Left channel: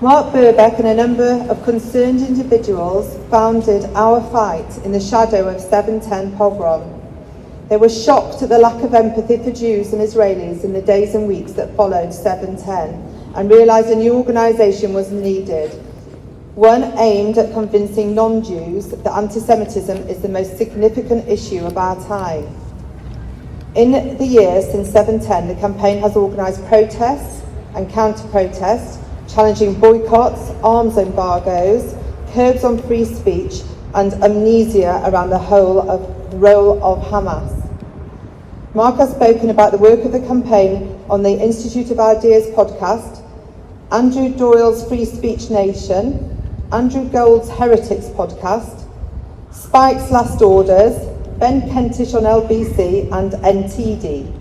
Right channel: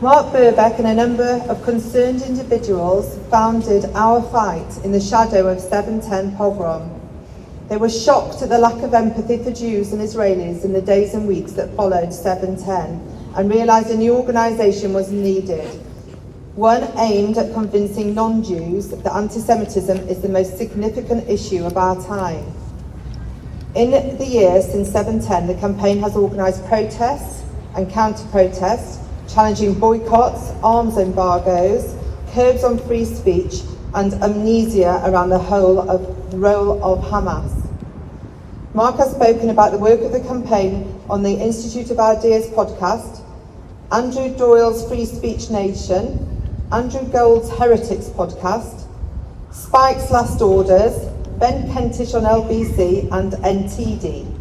Mark Birbeck and a number of concerned individuals founded Our Fight in the shadow of 7/10 pogrom. They were shocked at the lack of empathy for Jews and Israelis in the days and weeks that followed 7/10 and realised a new organisation was needed, one aimed at convincing non-Jews that anti-Semitism is the most significant issue of our time. In the years since 7/10, the campaign has organised protests and counter-protests, challenging boycotts, arms embargoes, curbs on free speech, and amnesia around the role of Hamas. Mark has spoken about the work of the campaign on the Institute of Ideas podcast, Andrew Doyle's Free Speech Nation, Andrew Gold's Heretics podcast, Spike's Last Orders, Ben Kentish on LBC, and NTD.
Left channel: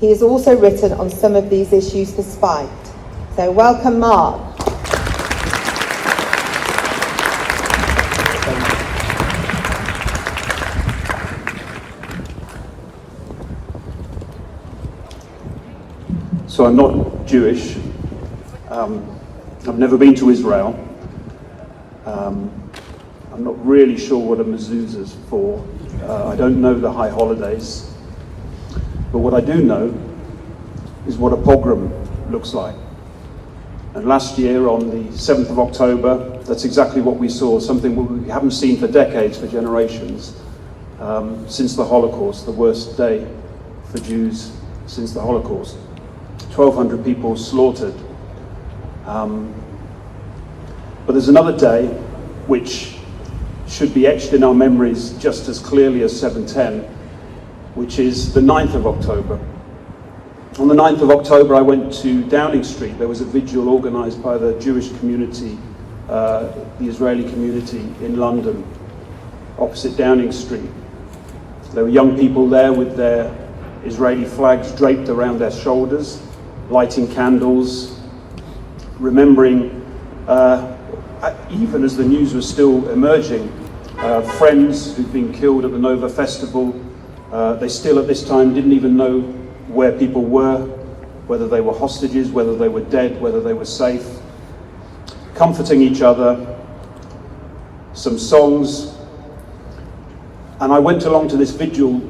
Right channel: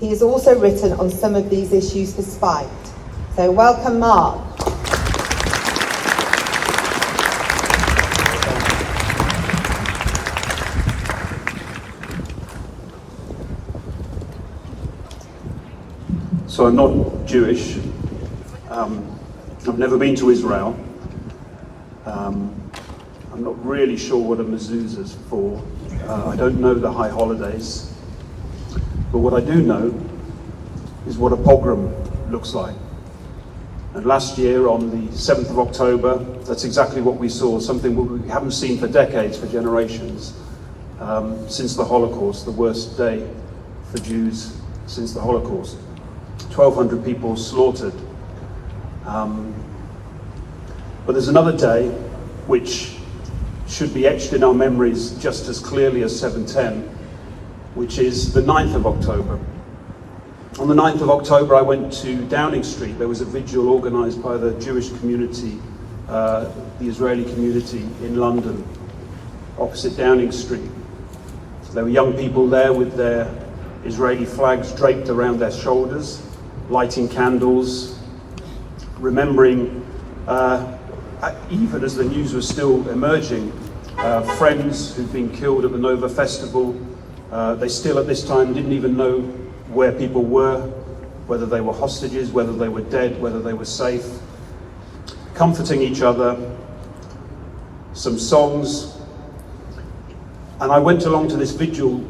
He has also written on some of these issues for Spike. So welcome, Mark. So I'm not Jewish. I've never been to Israel. I'm not really sure what a mezuzah's for. I don't know the high holidays. But what I do know is what a pogrom looks like. And last year on the 7th of October, that's exactly what we saw, something we haven't seen for decades, for generations, since the Holocaust, the worst day for Jews since the Holocaust. 1,200 people slaughtered. But there's another day which should be etched in our memories just as clearly as 7/10, which is the 9th of October. On the 9th of October, I went to Downing Street. There was a vigil organised by the Jewish community, the Israeli community in London, opposite Downing Street. There were young people there with their Israeli flags draped around their shoulders, lighting candles, remembering, even as the news was still emerging, friends who'd been killed at the Nova Festival. They still at this time didn't even know where people were, whether they were hostages, whether they were dead, whether they were safe. Comforting each other, some songs. And I went along to this vigil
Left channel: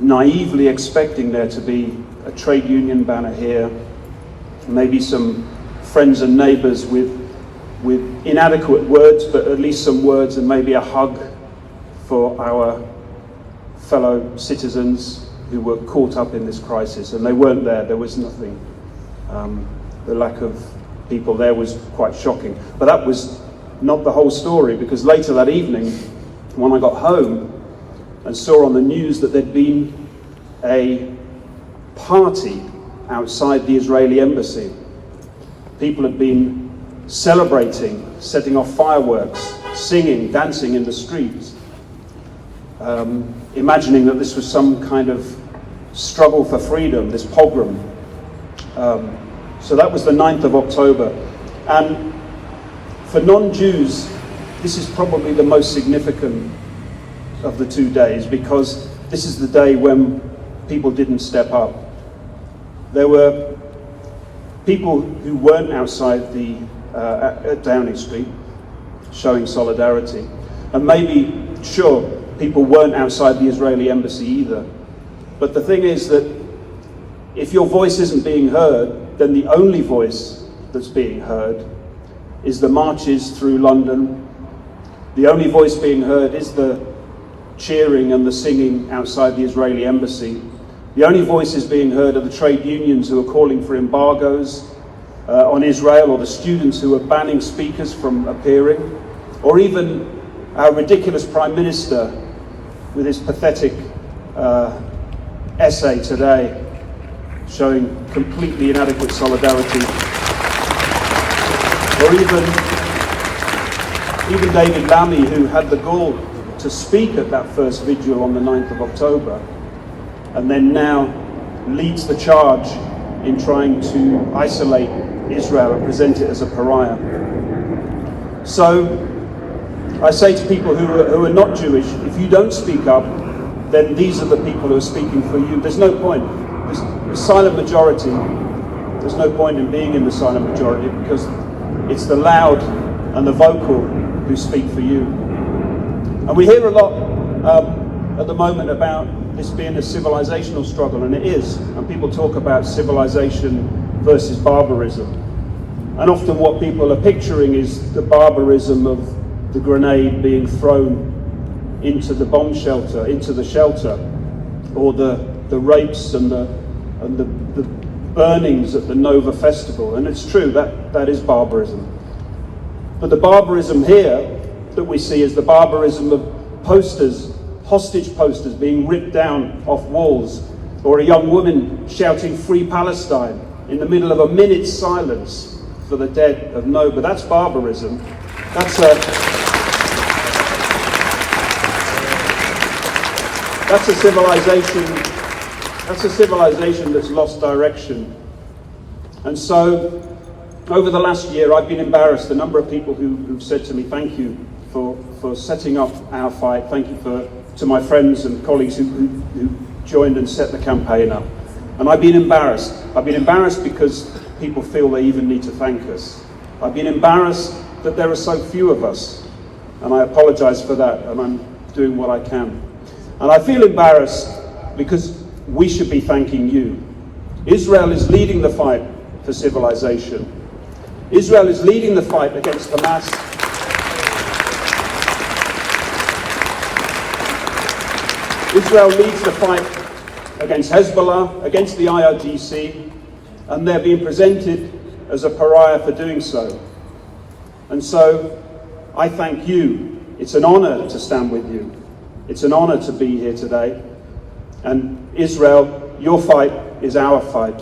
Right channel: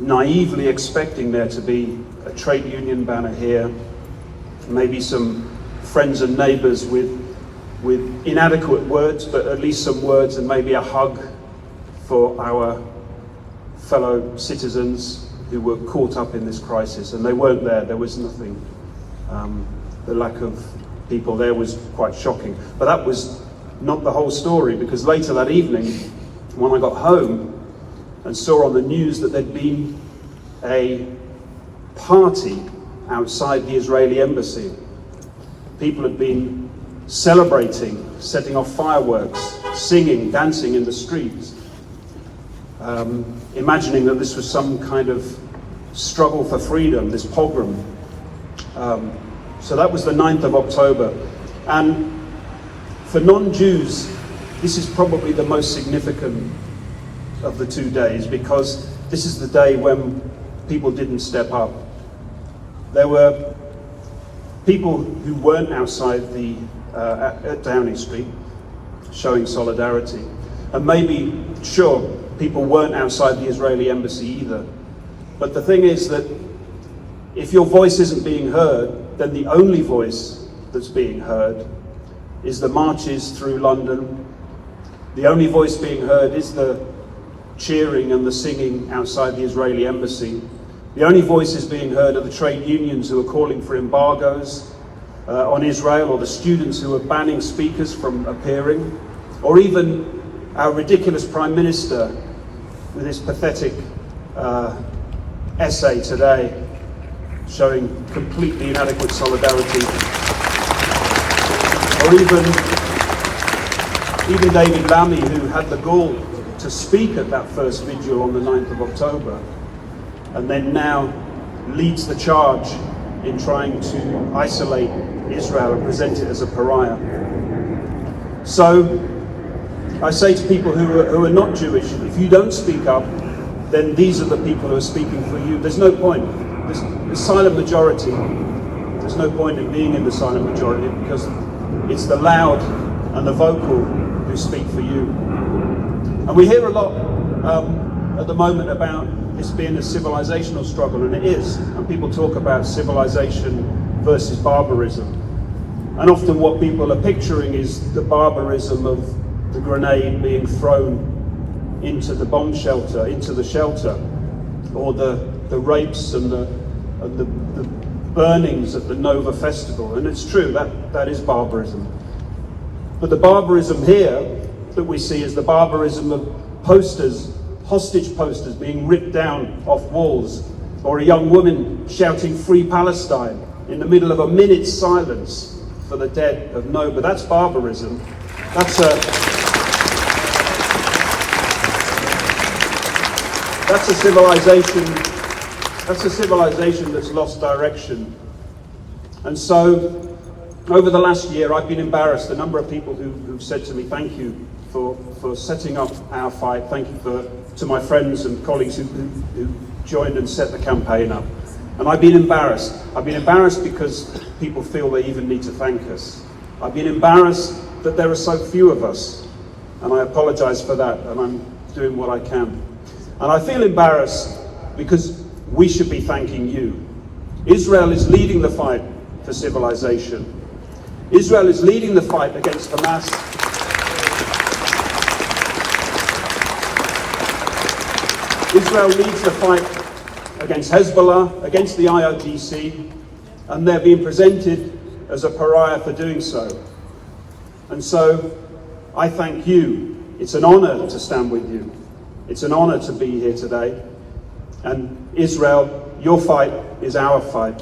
naively expecting there to be a trade union banner here, maybe some friends and neighbours with inadequate words, but at least some words, and maybe a hug for our fellow citizens who were caught up in this crisis. And they weren't there. There was nothing. The lack of people there was quite shocking. But that was not the whole story, because later that evening, when I got home and saw on the news that there'd been a party outside the Israeli embassy. People had been celebrating, setting off fireworks, singing, dancing in the streets, imagining that this was some kind of struggle for freedom, this pogrom. So that was the 9th of October. And for non-Jews, this is probably the most significant of the 2 days, because this is the day when people didn't step up. There were people who weren't outside at Downing Street showing solidarity. And maybe, sure, people weren't outside the Israeli embassy either. But the thing is that if your voice isn't being heard, then the only voice that's being heard is the marches through London. The only voice being heard is the cheering and the singing outside the Israeli embassy. The only voices being heard are the trade unions who are calling for embargoes on Israel, or the students who are banning speakers from appearing, or even our ridiculous Prime Minister with his pathetic essay today showing completely inadequate solidarity. Or even David Lammy, who had the gall to speak at that first vigil on the 9th of October, and then now leads the charge in trying to isolate Israel and present it as a pariah. So I say to people who are not Jewish, if you don't speak up, then these are the people who are speaking for you. There's no point. The silent majority, there's no point in being in the silent majority, because It's the loud and the vocal who speak for you. And we hear a lot at the moment about this being a civilizational struggle, and it is. And people talk about civilization versus barbarism. And often what people are picturing is the barbarism of the grenade being thrown into the bomb shelter, into the shelter, or the rapes and the burnings at the Nova Festival. And it's true, that is barbarism. But the barbarism here that we see is the barbarism of posters, hostage posters being ripped down off walls, or a young woman shouting "Free Palestine" in the middle of a minute's silence for the dead of Nova. That's barbarism. That's a civilization. That's a civilization that's lost direction. And so, over the last year, I've been embarrassed. A number of people who've said to me, "Thank you for setting up our fight. Thank you to my friends and colleagues who joined and set the campaign up." And I've been embarrassed. I've been embarrassed because people feel they even need to thank us. I've been embarrassed that there are so few of us, and I apologise for that, and I'm doing what I can. And I feel embarrassed because we should be thanking you. Israel is leading the fight for civilization. Israel is leading the fight against Hamas. Israel leads the fight against Hezbollah, against the IRGC, and they're being presented as a pariah for doing so. And so I thank you. It's an honor to stand with you. It's an honor to be here today. And Israel, your fight is our fight.